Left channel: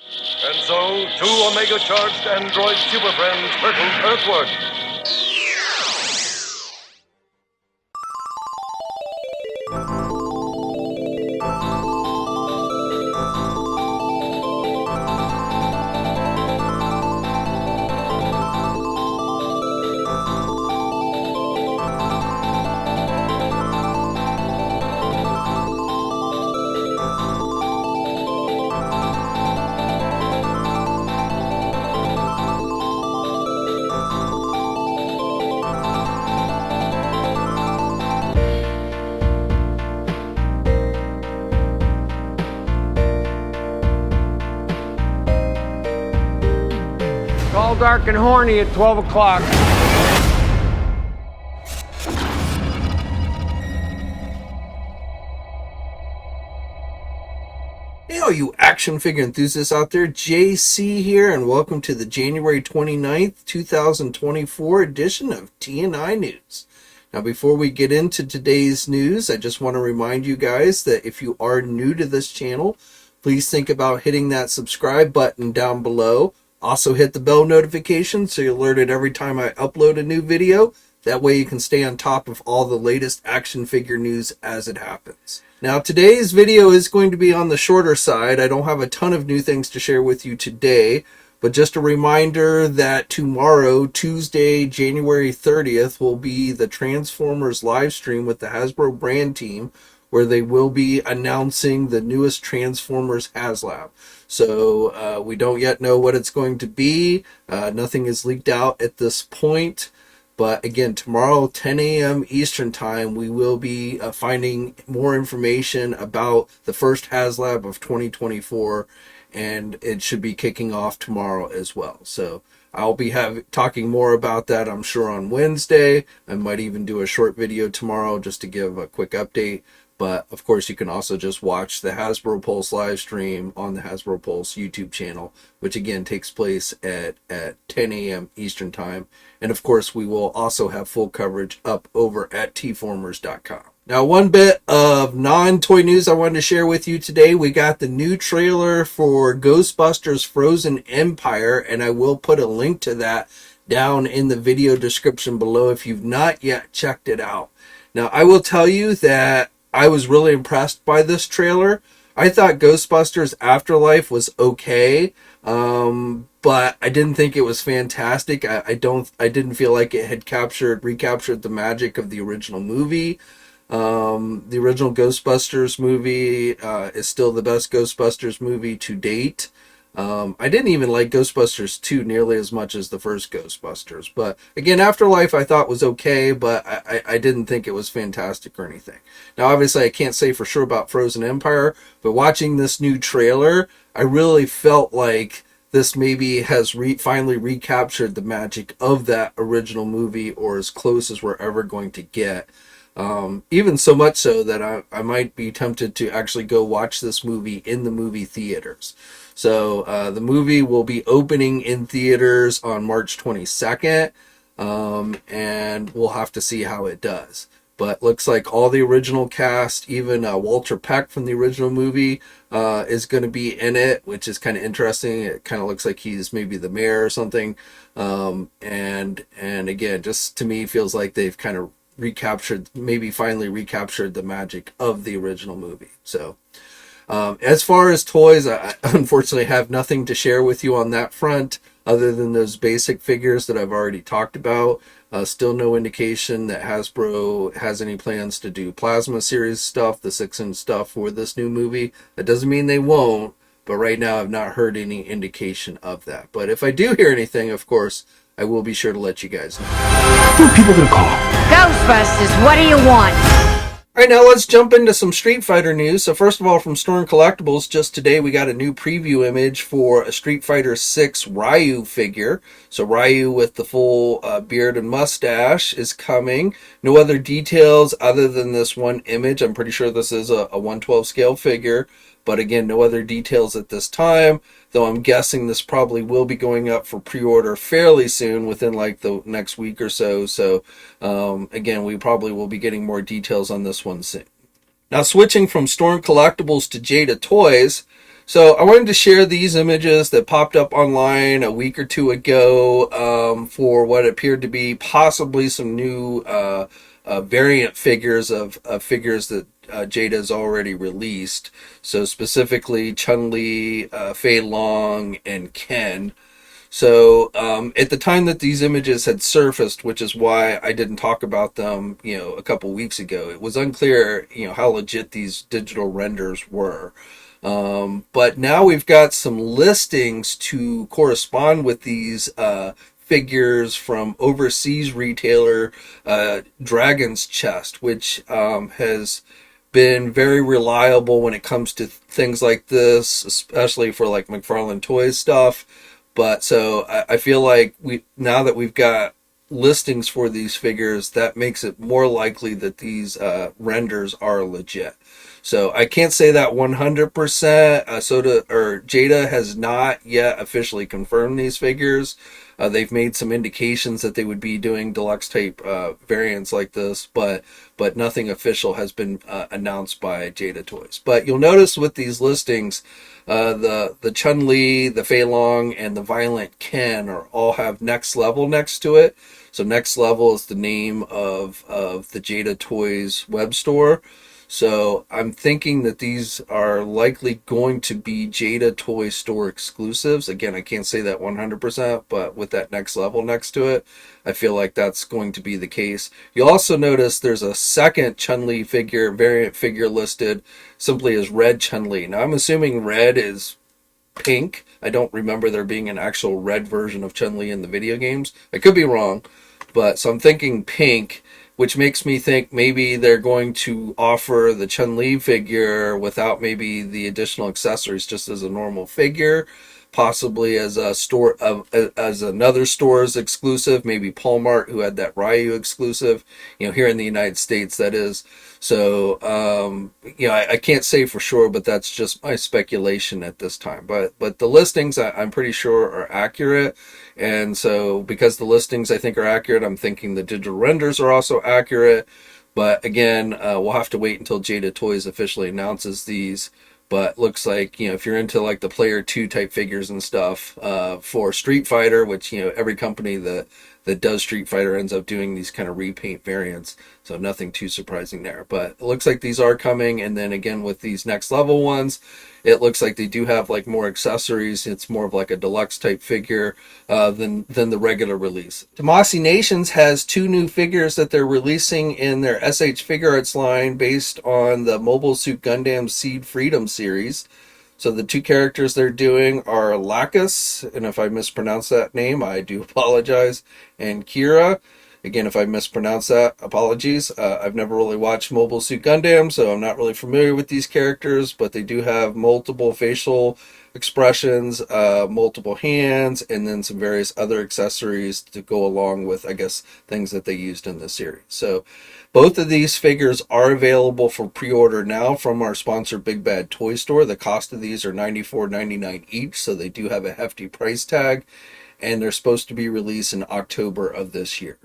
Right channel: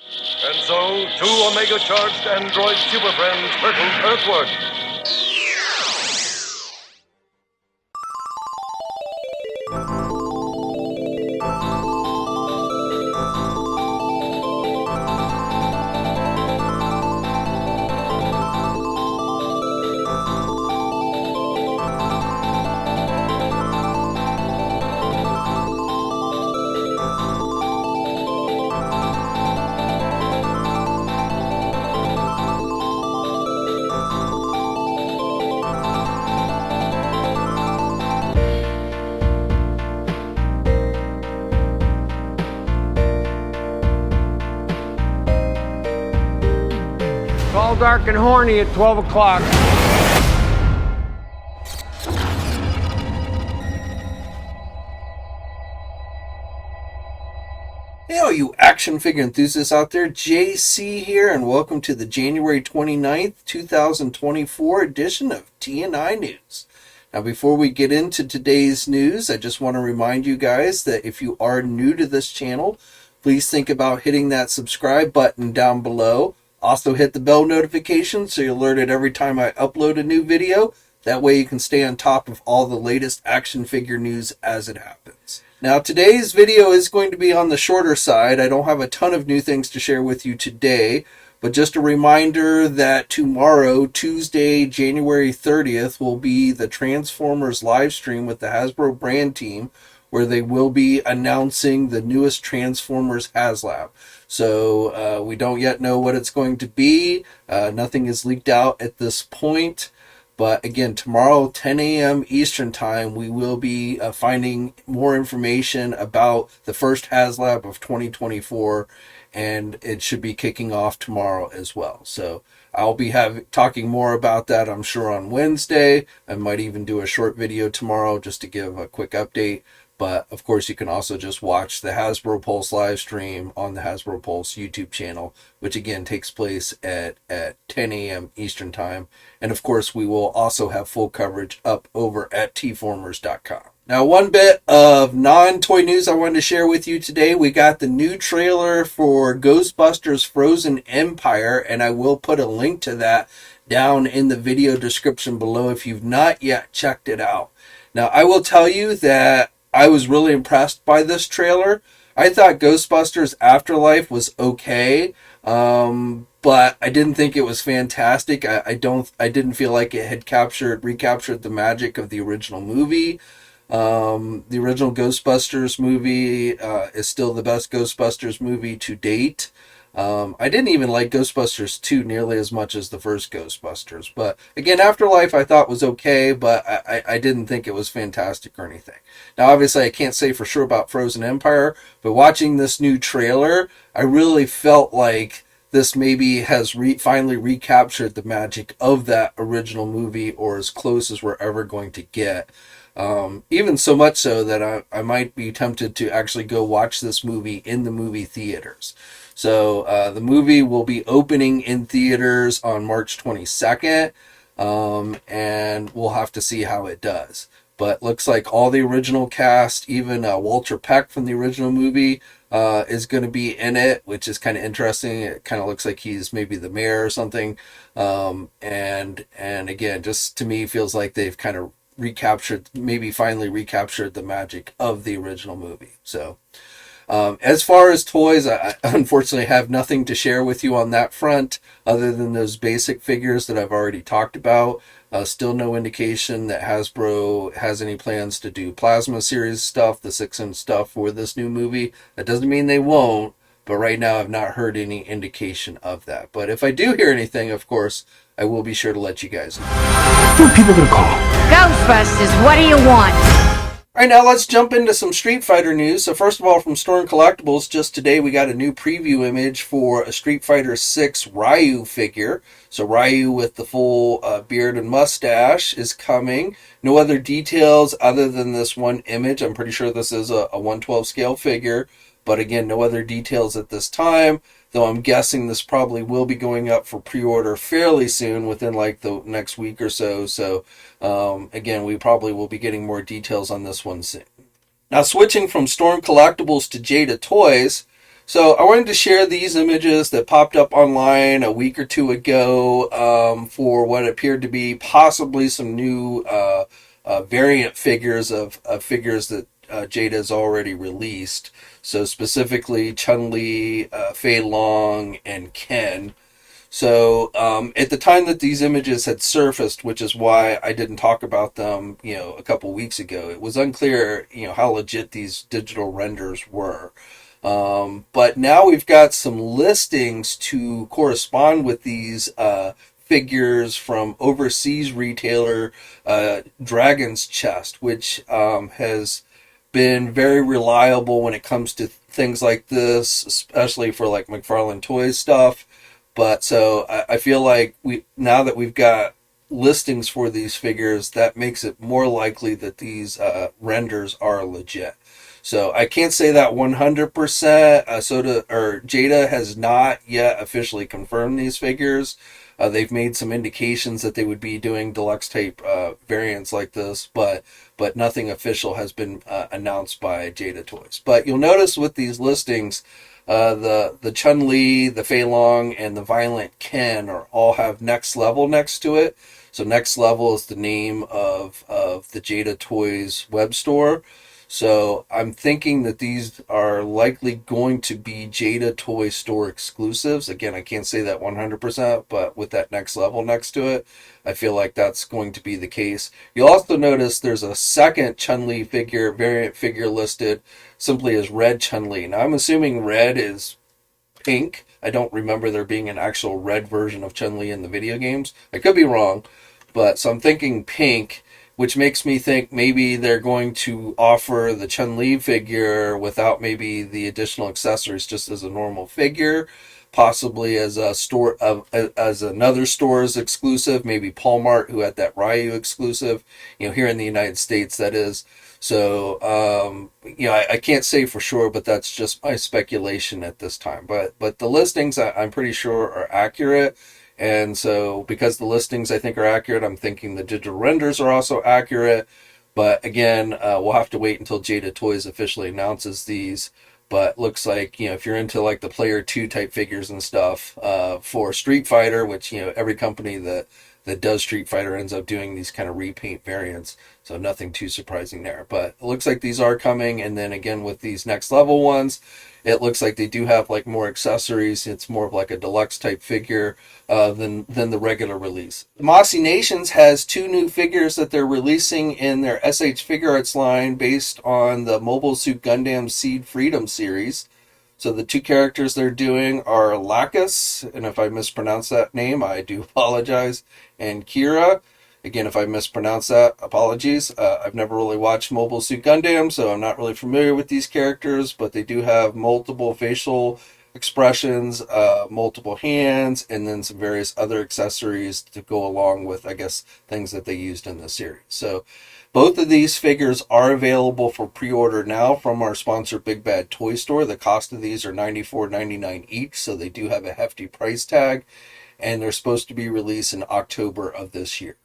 And so, two Omega-charged android super friends hurtled Earthward. All dark and horny at 12 o'clock. Hey, all you action figure enthusiasts out there, JC here, and welcome to the January 29th, 2024 edition of TNI News. Now, before we get into today's news, I just want to remind you guys that if you are new to this channel, please think about hitting that subscribe button down below. Also hit the bell notification so you're alerted every time I upload a new video. That way you can stay on top of all the latest action figure news as it happens. Now, today's video is going to be on the shorter side. I don't have a ton of new things to share with you today, but just a reminder that tomorrow, Tuesday, January 30th, will be the Transformers live stream with the Hasbro brand team, where they will be announcing the newest Transformers Haslab. So we don't yet know what it's going to be. Nothing is leaked out at this point. But again, tomorrow, 10 a.m. Eastern Time, we will be finding more information about the first Haslab of 2024. And it should be kicking off tomorrow as well. So I'll be talking more about that, I'm sure, on Wednesday. I might even do a short video tomorrow just to give a quick update. But, of course, you can also just watch the Hasbro Pulse live stream on the Hasbro Pulse YouTube channel, which, again, takes place at 10 a.m. Eastern Time. And, of course, we will also have full coverage up over at tformers.com. Now, one bit of non-toy news I wanted to share with you today. We got the new trailer for Ghostbusters Frozen Empire, and I will put a link to that down in the video description below if you've not yet checked it out. Now, I will tell you that I was really impressed by this trailer. I thought Ghostbusters Afterlife was okay, but I didn't think it was fantastic. I didn't feel like it had recaptured the magic of the original movie. The original Ghostbusters movie is still the best Ghostbusters movie to date. I didn't even like Ghostbusters 2 nearly as much as the first Ghostbusters. But again, Afterlife I thought was okay, but I didn't think it was fantastic or anything. Now, obviously, I can't say for sure about Frozen Empire, but watching this new trailer, I really felt like this maybe has finally recaptured the magic of that original movie, or as close as we're ever going to get. Even so much so that I might be tempted to actually go watch this movie in the movie theaters. So the movie will be opening in theaters on March 22nd, and we'll have to see how it does. But looks like all the original cast, even Walter Peck from the original movie, is going to be in it, which is kind of interesting. It kind of looks like he's maybe the mayor or something. And again, just to me feels like they've kind of finally recaptured the magic of the original movie. So as far as toys, I unfortunately have nothing to share with you on that front other than those basic figures that I've already talked about. Still no indication that Hasbro has any plans to do plasma series stuff, the 6-inch stuff for this new movie. That doesn't mean they won't, but right now I've not heard any indication of that. But if I do hear anything, of course, I will be sure to let you guys know. Who are people gonna call? Ghostbusters, what do you want? All right, now let's jump into some Street Fighter news. So first of all, from Storm Collectibles, just today we got a new preview image for a Street Fighter 6 Ryu figure. So Ryu with the full beard and mustache is coming. No other details other than this one image. I'm pretty sure this is a 1/12 scale figure. But again, no other details at this time, though I'm guessing this probably will be going up for pre-order fairly soon, within like the next week or so. So again, we probably will be getting more details on this one soon. Now, switching from Storm Collectibles to Jada Toys. So I wanted to share these images that popped up online a week or two ago for what appeared to be possibly some new variant figures of figures that Jada has already released. So specifically Chun-Li, Fei Long, and Ken. So at the time that these images had surfaced, which is why I didn't talk about them, a couple weeks ago, it was unclear, how legit these digital renders were. But now we've got some listings to correspond with these figures from overseas retailer Dragon's Chest, which has been very reliable when it comes to things like this, especially for like McFarlane Toys stuff. But so I feel like now that we've got listings for these figures, that makes it more likely that these renders are legit. So I can't say that 100%. Jada has not yet officially confirmed these figures. They've made some indications that they would be doing deluxe type variants like this, but nothing official has been announced by Jada Toys. But you'll notice with these listings, the Chun-Li, the Fei Long, and the Violent Ken all have Next Level next to it. So Next Level is the name of the Jada Toys web store. So I'm thinking that these are likely going to be Jada Toy Store exclusives. Again, I can't say that 100%, but with that Next Level next to it, I feel like that's going to be the case. You'll also notice there's a second Chun-Li variant figure listed simply as Red Chun-Li. Now I'm assuming red is pink. I don't remember there being an actual red version of Chun-Li in the video games. I could be wrong, but so I'm thinking pink, which makes me think maybe they're going to offer the Chun-Li figure without maybe the additional accessories, just as a normal figure, possibly as a store as another store's exclusive, maybe Walmart, who had that Ryu exclusive, here in the United States, that is. So I can't say for sure, but that's just my speculation at this time. But the listings I'm pretty sure are accurate. And so because the listings I think are accurate, I'm thinking the digital renders are also accurate. But again, we'll have to wait until Jada Toys officially announces these. But looks like, if you're into like the Player 2 type figures and stuff for Street Fighter, which, every company that does Street Fighter ends up doing these kind of repaint variants. So nothing too surprising there. But it looks like these are coming. And then again, with these Next Level ones, it looks like they do have like more accessories. It's more of like a deluxe type figure than the regular release. Tamashii Nations has 2 new figures that they're releasing in their SH Figuarts line based on the Mobile Suit Gundam Seed Freedom series. So the 2 characters they're doing are Lacus, and if I mispronounce that name, I do apologize, and Kira. Again, if I mispronounce that, apologies. I've never really watched Mobile Suit Gundam, so I'm not really familiar with these characters, but they do have multiple facial expressions, multiple hands, and then some various other accessories to go along with, I guess, things that they used in the series. So both of these figures are available for pre-order now from our sponsor Big Bad Toy Store. The cost of these are $94.99 each, so they do have a hefty price tag, and they're supposed to be released in October of this year.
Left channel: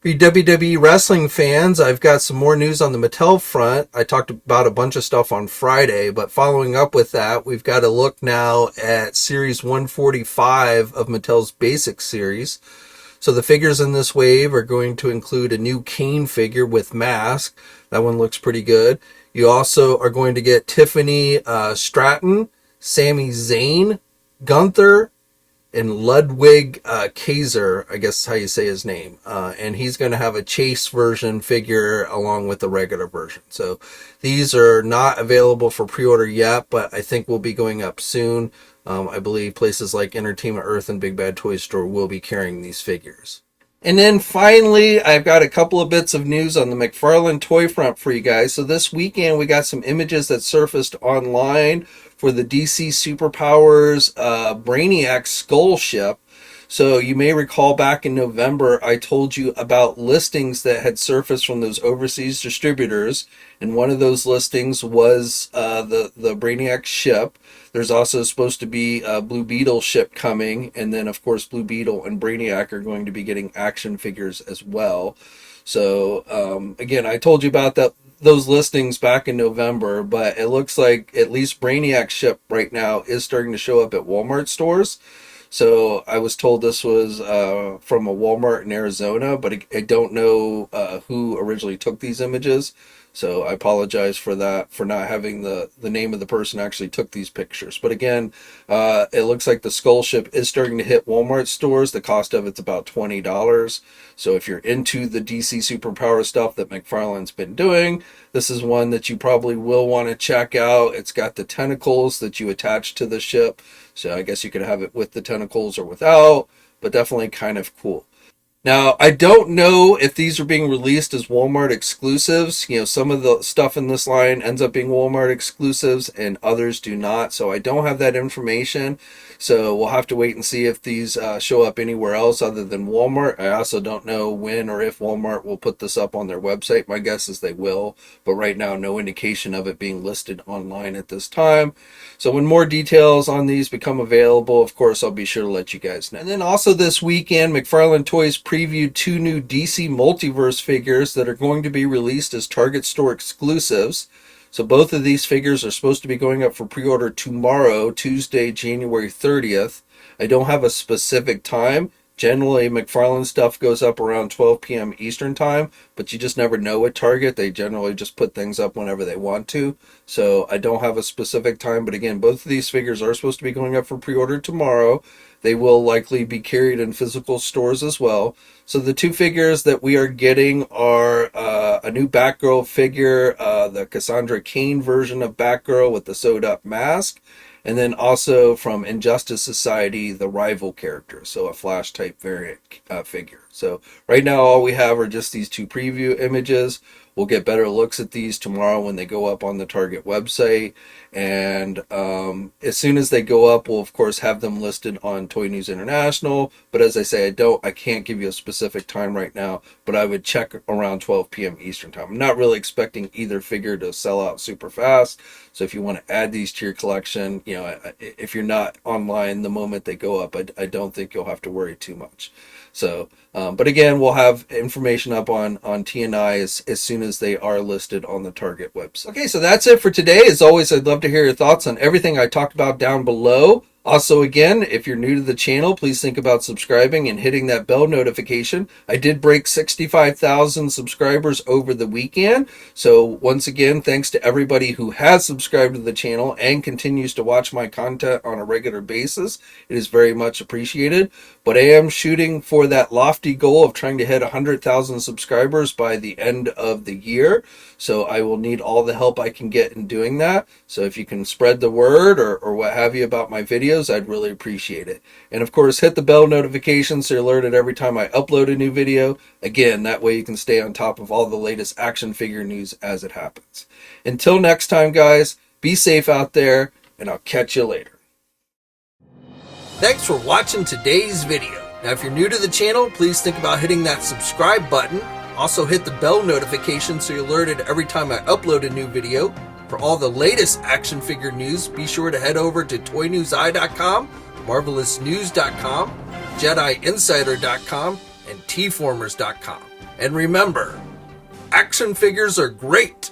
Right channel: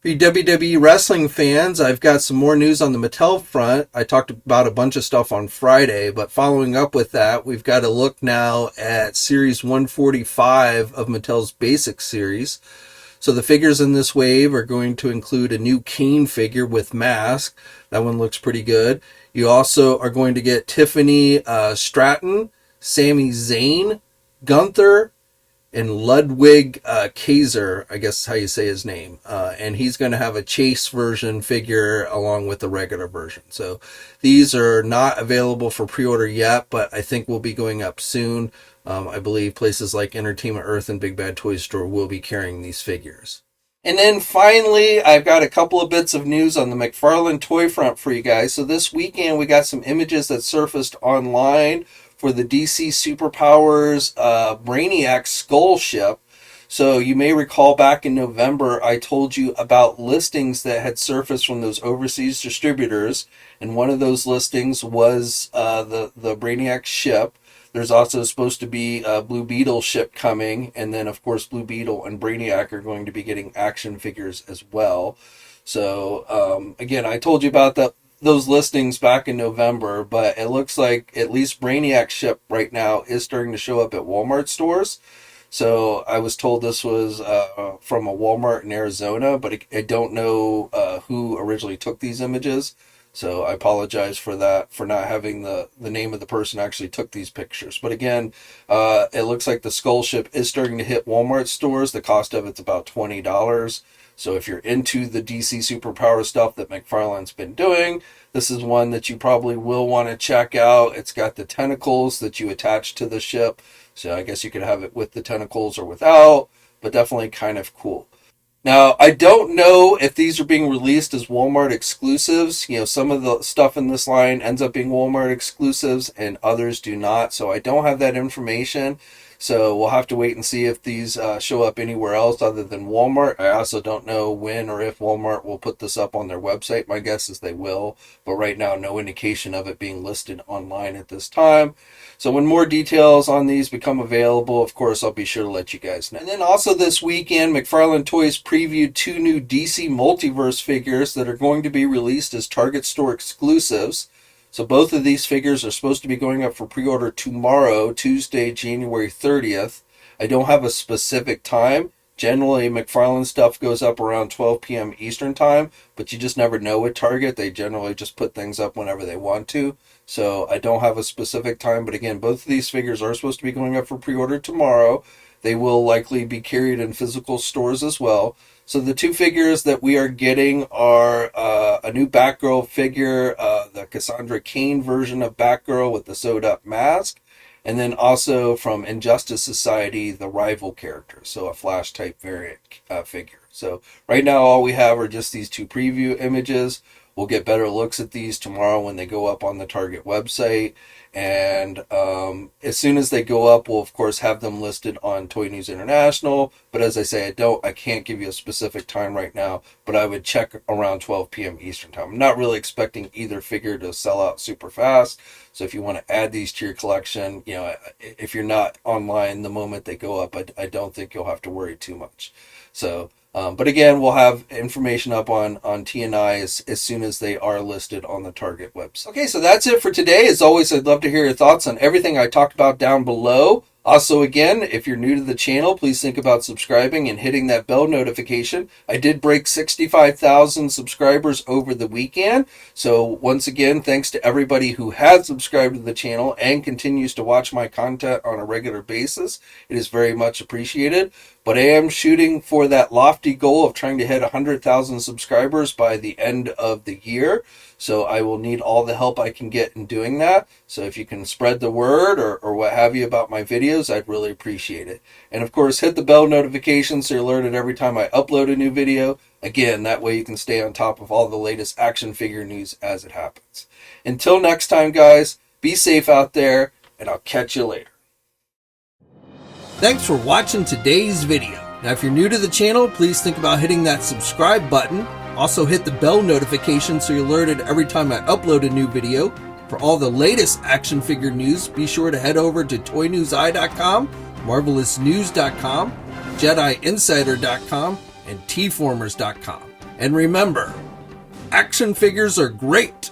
For you WWE wrestling fans, I've got some more news on the Mattel front. I talked about a bunch of stuff on Friday, but following up with that, we've got to look now at Series 145 of Mattel's Basic Series. So the figures in this wave are going to include a new Kane figure with mask. That one looks pretty good. You also are going to get Tiffany Stratton, Sami Zayn, Gunther, and Ludwig Kaiser, I guess is how you say his name. And he's going to have a Chase version figure along with the regular version. So these are not available for pre-order yet, but I think will be going up soon. I believe places like Entertainment Earth and Big Bad Toy Store will be carrying these figures. And then finally, I've got a couple of bits of news on the McFarlane toy front for you guys. So this weekend, we got some images that surfaced online for the DC Superpowers Brainiac Skull ship. So you may recall back in November, I told you about listings that had surfaced from those overseas distributors. And one of those listings was the Brainiac ship. There's also supposed to be a Blue Beetle ship coming. And then, of course, Blue Beetle and Brainiac are going to be getting action figures as well. So, again, I told you about those listings back in November, but it looks like at least Brainiac ship right now is starting to show up at Walmart stores. So I was told this was from a Walmart in Arizona, but I don't know who originally took these images. So I apologize for that, for not having the name of the person who actually took these pictures. But again, it looks like the Skull ship is starting to hit Walmart stores. The cost of it's about $20. So if you're into the DC Superpower stuff that McFarlane's been doing, this is one that you probably will want to check out. It's got the tentacles that you attach to the ship. So I guess you could have it with the tentacles or without, but definitely kind of cool. Now, I don't know if these are being released as Walmart exclusives. You know, some of the stuff in this line ends up being Walmart exclusives and others do not. So I don't have that information. So we'll have to wait and see if these show up anywhere else other than Walmart. I also don't know when or if Walmart will put this up on their website. My guess is they will. But right now, no indication of it being listed online at this time. So when more details on these become available, of course, I'll be sure to let you guys know. And then also this weekend, McFarlane Toys previewed 2 new DC Multiverse figures that are going to be released as Target store exclusives. So both of these figures are supposed to be going up for pre-order tomorrow, Tuesday, January 30th. I don't have a specific time. Generally, McFarlane stuff goes up around 12 p.m. Eastern time, but you just never know at Target. They generally just put things up whenever they want to. So I don't have a specific time, but again, both of these figures are supposed to be going up for pre-order tomorrow. They will likely be carried in physical stores as well. So the 2 figures that we are getting are a new Batgirl figure, the Cassandra Cain version of Batgirl with the sewed-up mask, and then also from Injustice Society, the rival character, so a Flash-type variant figure. So right now all we have are just these 2 preview images. We'll get better looks at these tomorrow when they go up on the Target website. And as soon as they go up, we'll of course have them listed on Toy News International. But as I say, I can't give you a specific time right now, but I would check around 12 p.m. Eastern time. I'm not really expecting either figure to sell out super fast. So if you want to add these to your collection, you know, if you're not online the moment they go up, I don't think you'll have to worry too much. So, but again, we'll have information up on TNI as soon as they are listed on the Target website. Okay, so that's it for today. As always, I'd love to hear your thoughts on everything I talked about down below. Also, again, if you're new to the channel, please think about subscribing and hitting that bell notification. I did break 65,000 subscribers over the weekend. So once again, thanks to everybody who has subscribed to the channel and continues to watch my content on a regular basis. It is very much appreciated. But I am shooting for that lofty goal of trying to hit 100,000 subscribers by the end of the year. So I will need all the help I can get in doing that. So if you can spread the word or what have you about my videos, I'd really appreciate it. And of course, hit the bell notification so you're alerted every time I upload a new video. Again, that way you can stay on top of all the latest action figure news as it happens. Until next time, guys, be safe out there, and I'll catch you later. Thanks for watching today's video. Now, if you're new to the channel, please think about hitting that subscribe button. Also hit the bell notification so you're alerted every time I upload a new video. For all the latest action figure news, be sure to head over to ToyNewsEye.com, MarvelousNews.com, JediInsider.com, and TFormers.com. And remember, action figures are great,